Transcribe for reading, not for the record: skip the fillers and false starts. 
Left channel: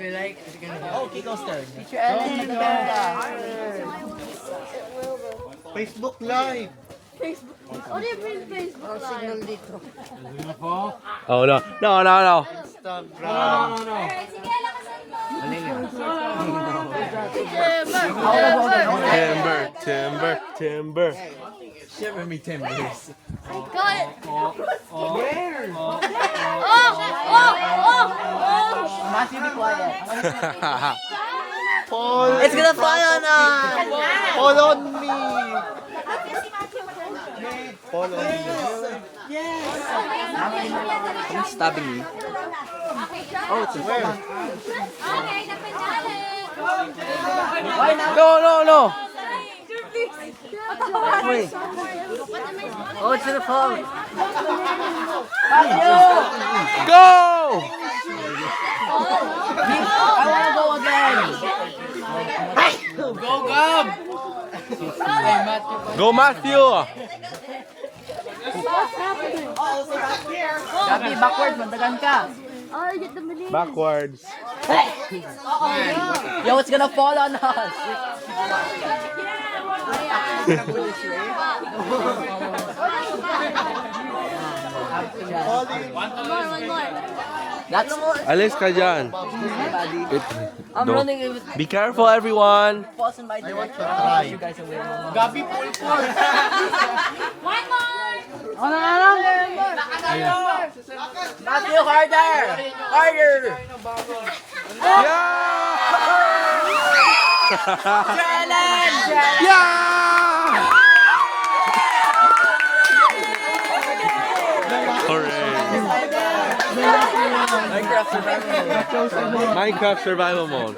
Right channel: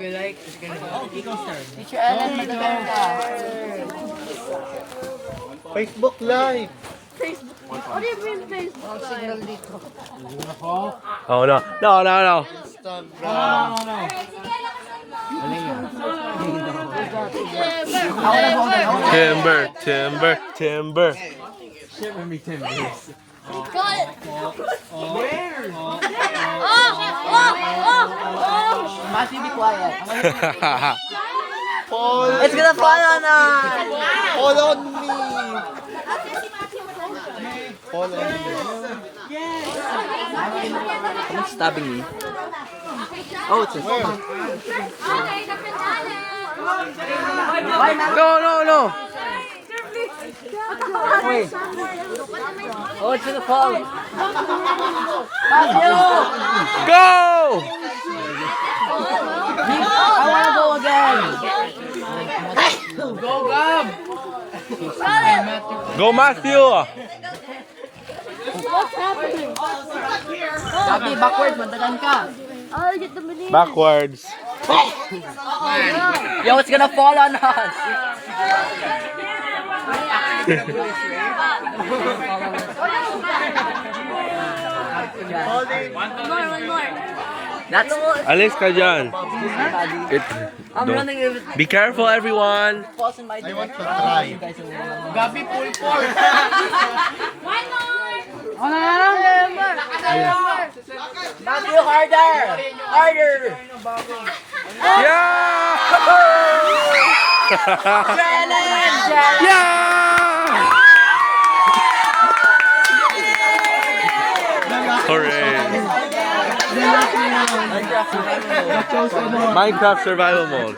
Teacher Ellen, magdala ka. Facebook Live. What do you mean Facebook? Oh, signal dito. Oh no. No, no, no. Timber, timber, timber. Got it. Matthew, be quiet. Paul. It's gonna fall on us! Paul on me. Paul on me. Someone's stabbing me. Oh, it's a Okay, Why not? No, no, no. Wait. Oh, it's gonna fall. Matthew! Go! I wanna go again. Go, Matthew! Gabi, backwards, mandagan ka. I'll get the banana. Backwards. Yo, it's gonna fall on us. One more. That's Alis ka dyan. It, I'm don't- running if it Be careful, everyone. falls in my I want direction. to try. You guys will Gabi, pull. One more. Matthew, harder! Harder! Yeah! Ellen! Yeah! Hooray! Minecraft survival mode. Minecraft survival mode.